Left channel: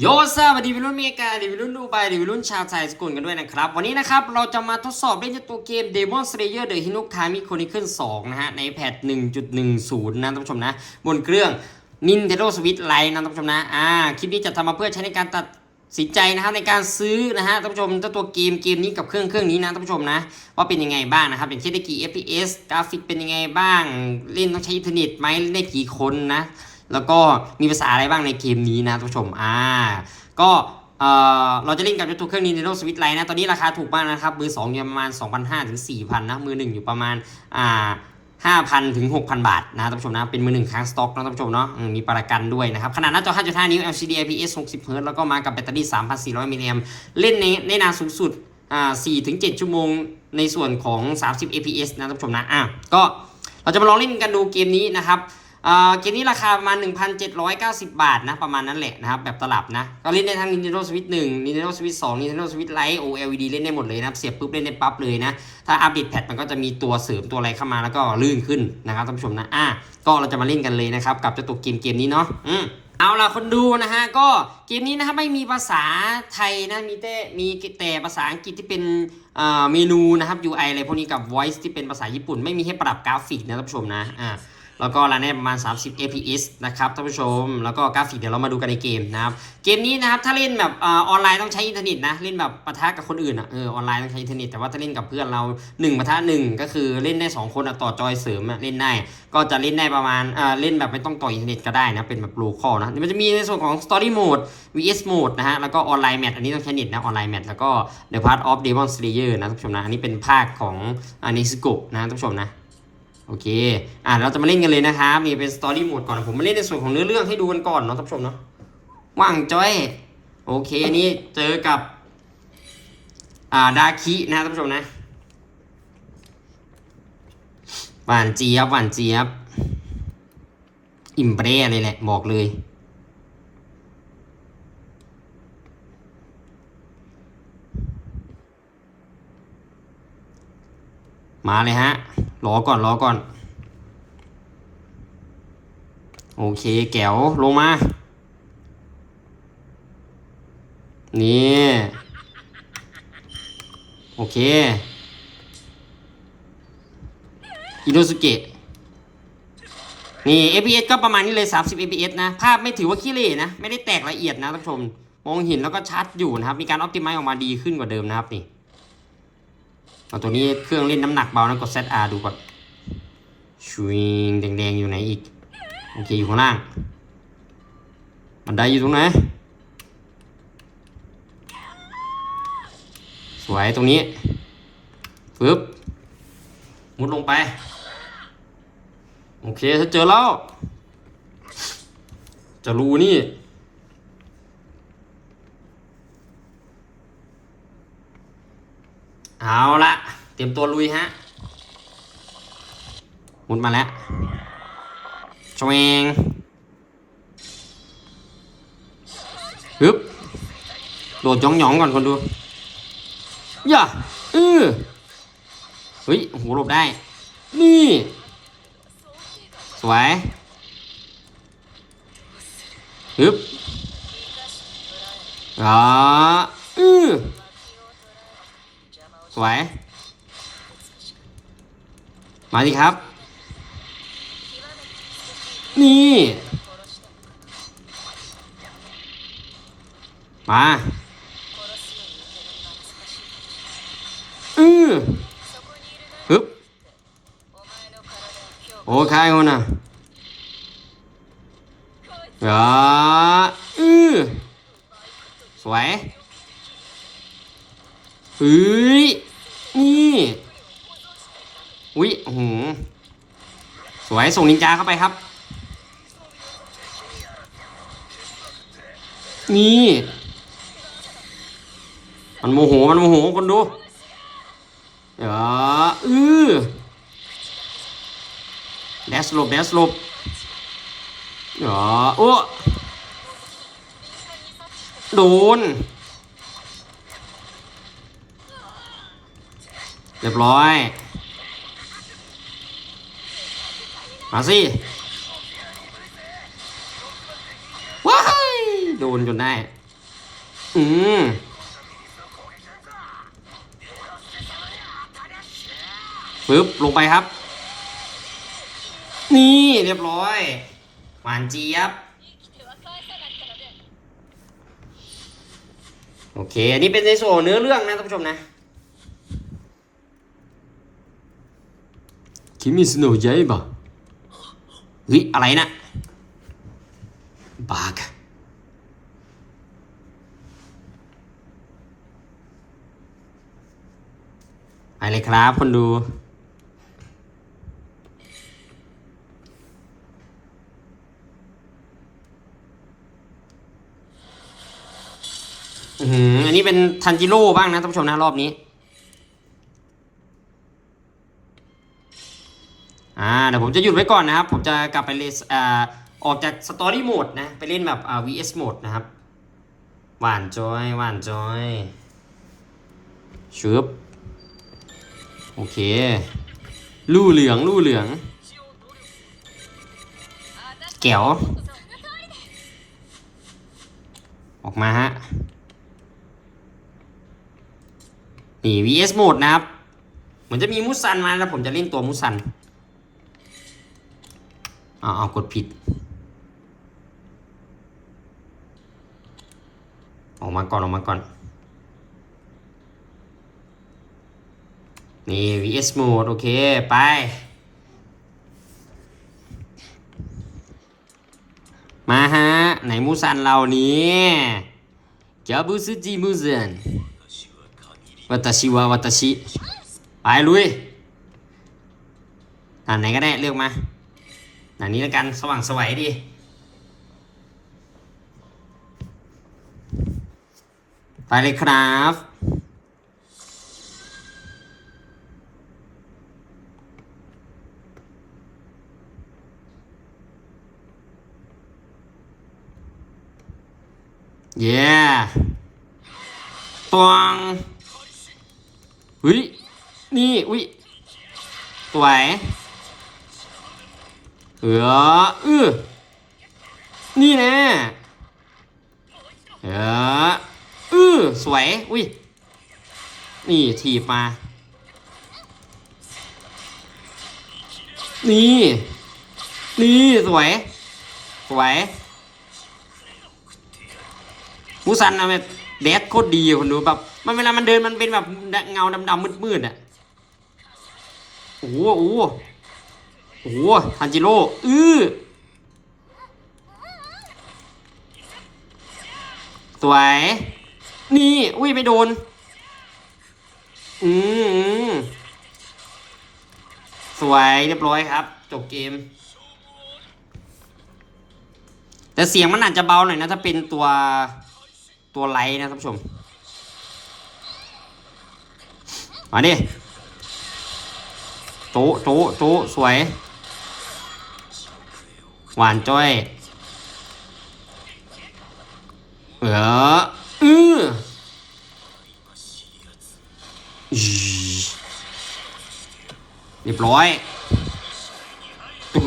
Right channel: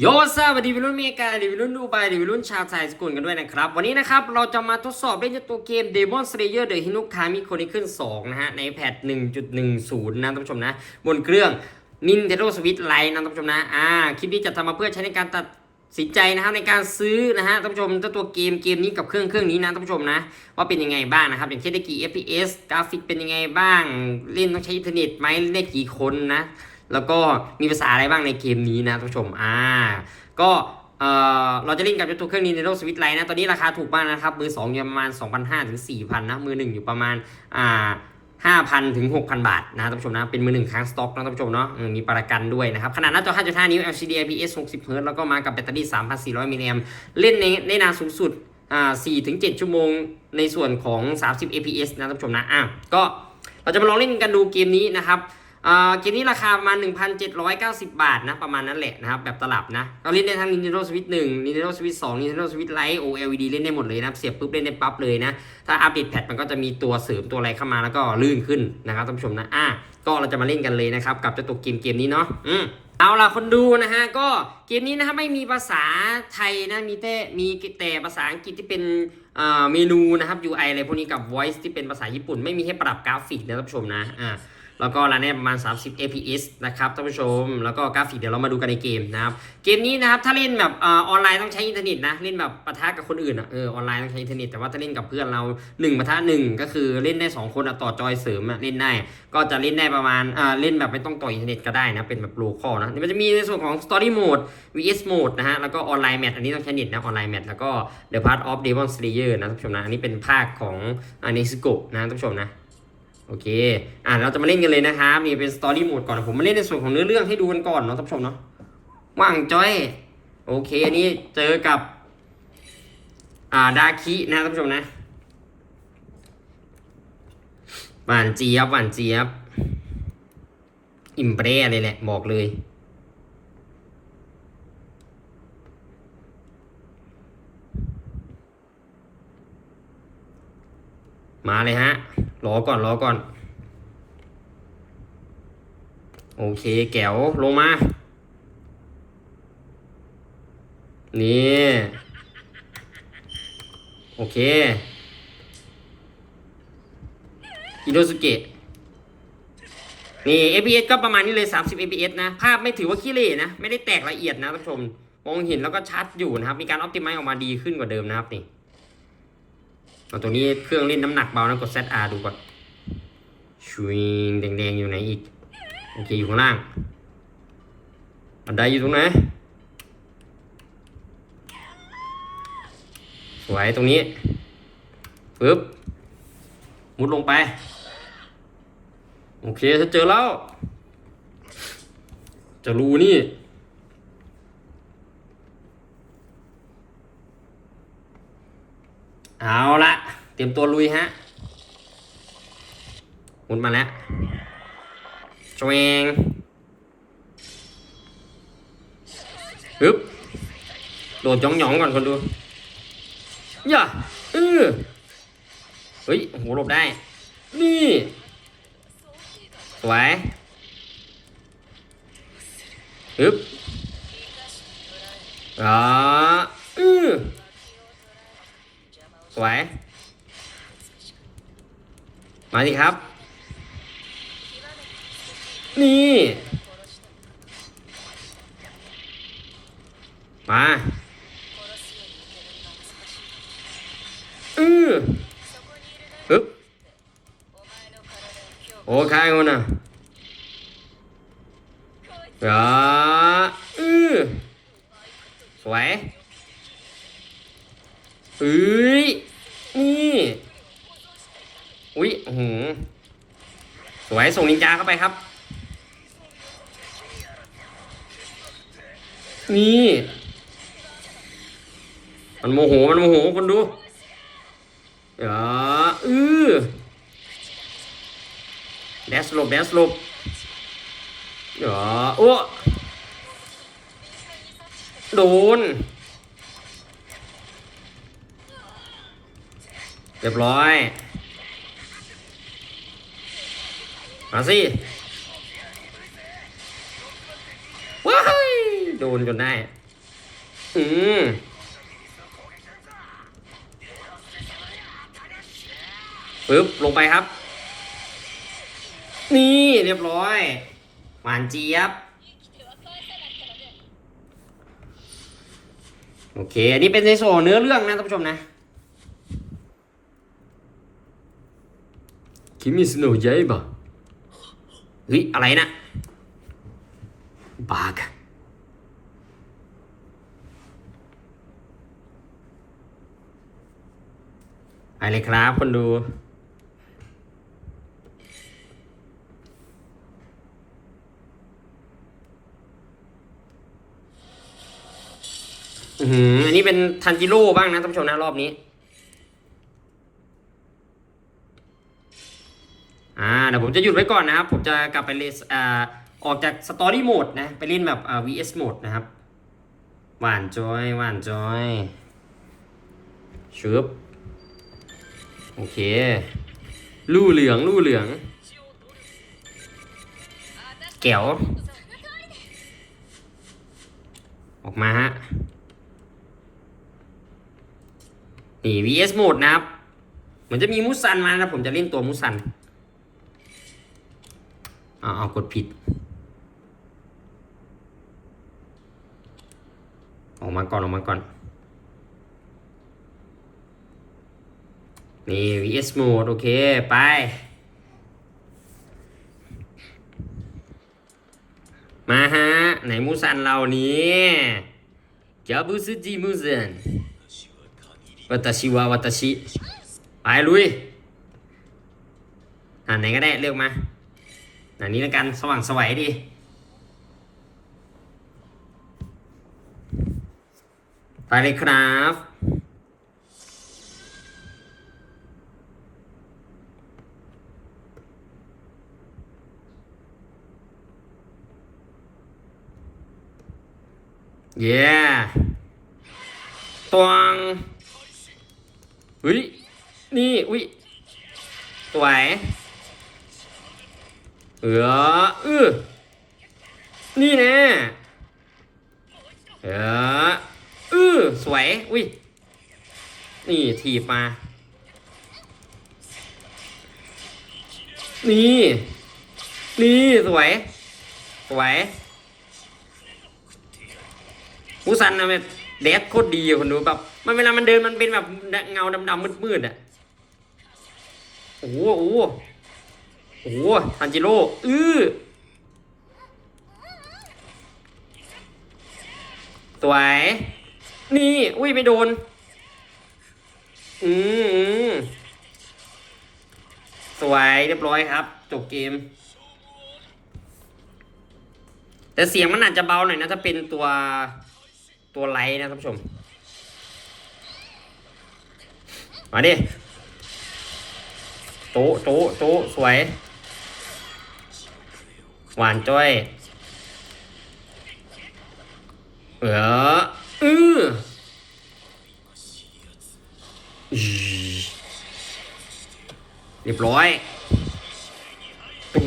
โยซาสวัสดีวิรุ่นเมกาดีวิรุ่นดูไบดีวิรุ่นชาวไทยสกุลกันด้วยนะครับ วันนี้นะครับ เราจะมาทดสอบเล่นตัวเกม Demon Slayer The Hinokami Chronicle 2 นะฮะ ในแพท 1.10 นะท่านผู้ชมนะ บนเครื่อง Nintendo Switch Lite นะท่านผู้ชมนะ อ่า คลิปนี้จะทำมาเพื่อใช้ในการตัดสินใจนะครับในการซื้อนะฮะท่านผู้ชมตัวเกมเกมนี้กับเครื่องเครื่องนี้นะท่านผู้ชมนะ ว่าเป็นยังไงบ้างนะครับ อย่างเช่นได้กี่ FPS กราฟิกเป็นยังไงบ้าง เล่นต้องใช้อินเทอร์เน็ตไหมเล่นได้กี่คนนะ แล้วก็มีภาษาอะไรบ้างในเกมนี้นะท่านผู้ชมอ่าก็เอ่อเราจะเล่นกับตัวเครื่อง Nintendo Switch Lite นะตอนนี้ราคาถูกมากนะครับ มือ2อยู่ประมาณ 2,500ถึง4,000นะ มือ 1 อยู่ประมาณอ่า5,000 ถึง 6,000 บาทนะท่านผู้ชมนะ เป็นมือหนึ่งค้างสต็อกนะท่านผู้ชมเนาะมีประกันด้วยนะครับ ขนาดหน้าจอ 5.5 นิ้ว LCD IPS 60 Hz แล้วก็มากับแบตเตอรี่ 3,400 มิลลิแอมป์เล่นในได้นานสูงสุดอ่า4ถึง7ชั่วโมงในส่วนของ 30 APS นะท่านผู้ชมนะอะก็เราจะมาลองเล่นกันดูเกมนี้นะครับ เกมนี้ราคาประมาณ 1,790 บาทนะ ประมาณนั้นแหละนะครับ แบบตลับนะ ก็เล่นได้ทั้ง Nintendo Switch 1 Nintendo Switch 2 Nintendo Switch Lite OLED เล่นได้หมดเลยนะครับ เสียบปุ๊บเล่นได้ปั๊บเลยนะ ถ้าอัปเดตแพทมันก็จะมีตัวเสริมตัวอะไรเข้ามาแล้วก็ลื่นขึ้นนะครับท่านผู้ชมนะ อะก็เราจะมาเล่นกันเลยนะครับ กับเจ้าตัวเกมเกมนี้เนาะอืมเอาล่ะคนดูนะฮะก็เกมนี้นะครับไม่มีภาษาไทยนะมีแต่มีแต่ภาษาอังกฤษที่เป็นอ่าเมนูนะครับ UI อะไรพวกนี้กับ voice ที่เป็นภาษาญี่ปุ่น ไม่มีให้ปรับกราฟิกนะท่านผู้ชมนะอ่า แล้วก็รันได้ประมาณ 30 fps นะครับท่านผู้ชม แล้วก็กราฟิกเดี๋ยวเรามาดูกันในเกมนะครับ เกมนี้นะครับถ้าเล่นแบบออนไลน์ต้องใช้อินเทอร์เน็ตนะ เล่นแบบปะทะกับคนอื่นอะเออออนไลน์ต้องใช้อินเทอร์เน็ตแต่ว่าถ้าเล่นกับเพื่อนเรา1ปะทะ1ก็คือเล่นได้ 2 คนต่อจอยเสริมเล่นได้ ก็จะเล่นได้ประมาณอ่าเล่นแบบไม่ต้องต่ออินเทอร์เน็ตก็ได้นะเป็นแบบโลคอลนะมันจะมีในส่วนของ Story Mode VS Mode นะฮะแล้วก็ออนไลน์แมทอันนี้ต้องใช้เน็ตนะออนไลน์แมทแล้วก็ The Part of Demon Slayer นะท่านผู้ชมนะอันนี้เป็นภาคของอนิสโกะนะท่านผู้ชมนะ โอเค อะเราจะมาเล่นกันเลยนะครับมีเป็นสตอรี่โหมดก่อน ผมมาเล่นในส่วนของเนื้อเรื่องให้ดูกันก่อนเนาะท่านผู้ชมเนาะ ว่างจ้อย โอเค อันนี้เจอกับ อ่า ดาคินะท่านผู้ชมนะ หวานเจี๊ยบ หวานเจี๊ยบ อิ่มเปร่เลยแหละ บอกเลย มาเลยฮะ รอก่อนรอก่อน โอเคแก้วลงมา นี่ โอเค อิโนสุเกะนี่ FPS ก็ประมาณนี้เลย 30 FPS นะ ภาพไม่ถือว่าขี้เหร่นะ ไม่ได้แตกละเอียดนะท่านผู้ชม มองเห็นแล้วก็ชัดอยู่นะครับ มีการออ t ติไม e ออกมาดีขึ้นกว่าเดิมนะครับนี่ เอาตัวนี้เครื่องเล่นน้ำหนักเบานะกด ZR ดูก่อนชวงแดงๆอยู่ไหนอีกโอเคอยู่ข้างล่างบันไดอยู่ตรงไหนสวยตรงนี้ปึ๊บมุดลงไป โอเคถ้าเจอแล้ว จะรูนี่ เอาละเตรียมตัวลุยฮะหมุนมาแล้วชวงฮึบโดดจ้องหยองๆก่อนคนดูย่าเออเฮ้ยโอ้โหหลบได้ นี่ สวยฮึบอ่าอือ สวย มาดิครับ นี่ มาอือฮึบโอเคคนน่ะอ่าอือสวย เฮ้ย นี่ อุ๊ยโอ้โหสวย ส่งนินจาเข้าไปครับ นี่ มันโมโห มันโมโหคนดูอย่าอือแดสลบแดสลบอย่าโอ้โดน รียบร้อย มาสิ ว้ายโดนจนได้ อืมปึ๊บ ลงไปครับ นี่เรียบร้อย หวานเจี๊ยบ โอเค อันนี้เป็นในส่วนเนื้อเรื่องนะท่านผู้ชมนะ คิมิสโนะใหญ่ปะเฮ้ยอะไรนะบากไปเลยครับคนดูอือหืออันนี้เป็นทันจิโร่บ้างนะท่านผู้ชมนะรอบนี้ อ่าเดี๋ยวผมจะหยุดไว้ก่อนนะครับ ผมจะกลับไปเล่นอ่าออกจากสตอรี่โหมดนะ ไปเล่นแบบอ่า vs โหมดนะครับ หวานจอยหวานจอยชึบโอเค ลู่เหลืองลู่เหลือง แก้วออกมาฮะ นี่ vs โหมดนะครับ เหมือนจะมีมุสันมาแล้วผมจะเล่นตัวมุสัน เอาเอากดผิด ออกมาก่อนออกมาก่อน นี่ vs โหมดโอเค ไปมาฮะ ไหนมูซันเรานี้จาบุสจิมูซันวัตชิวะวัตชิ ไปลุยอ่านไหนก็ได้ เลือกมา อันนี้แล้วกันสว่างสวัยดี ไปเลยครับเย้ตวงเฮ้ยนี่อุ้ยสวย เออเออนี่แน่เออเออสวย อุ้ย นี่ถีบมา นี่ นี่ สวย สวยมูซันนะแบบแดดโคตรดีอะคนดูแบบ มันเวลามันเดินมันเป็นแบบเงาดำๆมืดๆอะ โอ้โห โอ้โหทันจิโร่อื้อสวย นี่อุ้ยไม่โดนอือืมสวยเรียบร้อยครับ จบเกม แต่เสียงมันอาจจะเบาหน่อยนะ ถ้าเป็นตัวตัวไลท์นะท่านผู้ชม มาดิโต๊ะโต๊ะโต๊ะสวย หวานจ้อยเอออือเรียบร้อยตู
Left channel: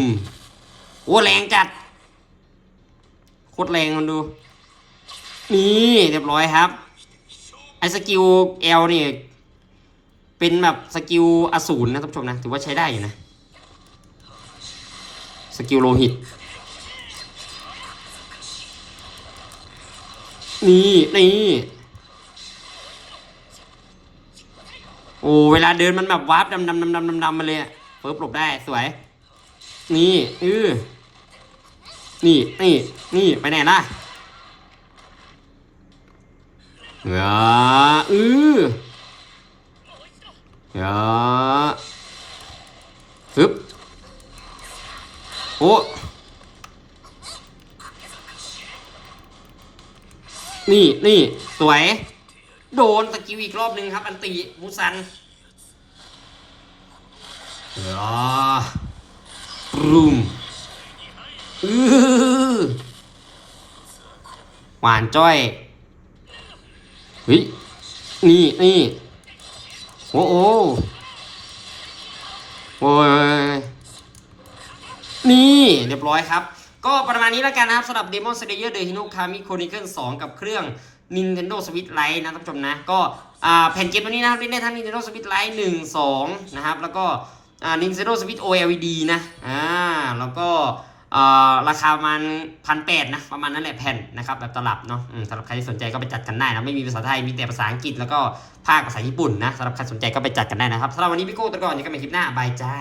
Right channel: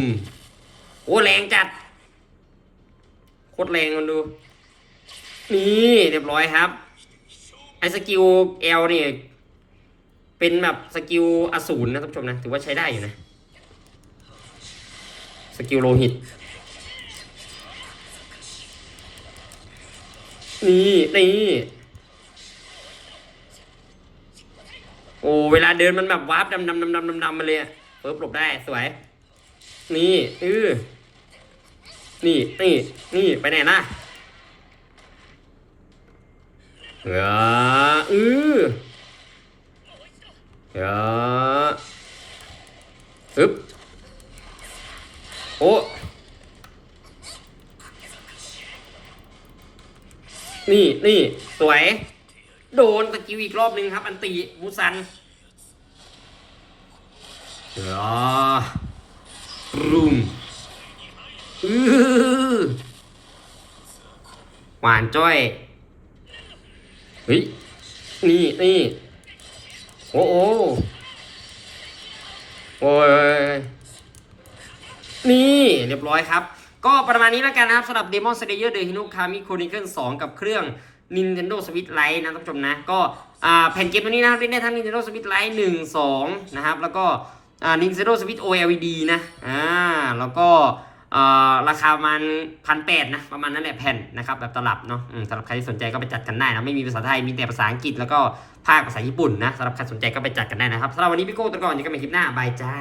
มโอ้แรงจัด โคตรแรงคนดู นี่เรียบร้อยครับ ไอ้สกิลเอลนี่ เป็นแบบสกิลอสูรนะท่านผู้ชมนะ ถือว่าใช้ได้อยู่นะ สกิลโลหิต นี่ นี่ โอ้เวลาเดินมันแบบวาร์ปดำดำดำดำดำดำมาเลยอะเฟิร์บหลบได้สวย นี่อือนี่ นี่ นี่ ไปไหนล่ะเอออือเออฮึบ โอ้นี่นี่สวย โดนตะกิวอีกรอบนึงครับ อันตีมูซันเออรูมอือหวานจ้อยเฮ้ยนี่นี่โอ้โหโอ้ย นี่เรียบร้อยครับ ก็ประมาณนี้แล้วกันนะครับสำหรับ Demon Slayer The Hinokami Chronicle 2 กับเครื่อง Nintendo Switch Lite นะท่านผู้ชมนะ ก็แผ่นเกมตัวนี้นะครับเล่นได้ทั้ง Nintendo Switch Lite 1 2 นะครับ แล้วก็ Nintendo Switch OLED นะอ่าแล้วก็ราคาประมาณพันแปดนะประมาณนั้นแหละแผ่นนะครับแบบตลับเนาะสำหรับใครที่สนใจก็ไปจัดกันได้นะไม่มีภาษาไทยมีแต่ภาษาอังกฤษแล้วก็ภาคภาษาญี่ปุ่นนะสำหรับใครสนใจก็ไปจัดกันได้นะครับสำหรับวันนี้พี่โก้ตะก่อนยังกันใหม่คลิปหน้าบายจ้า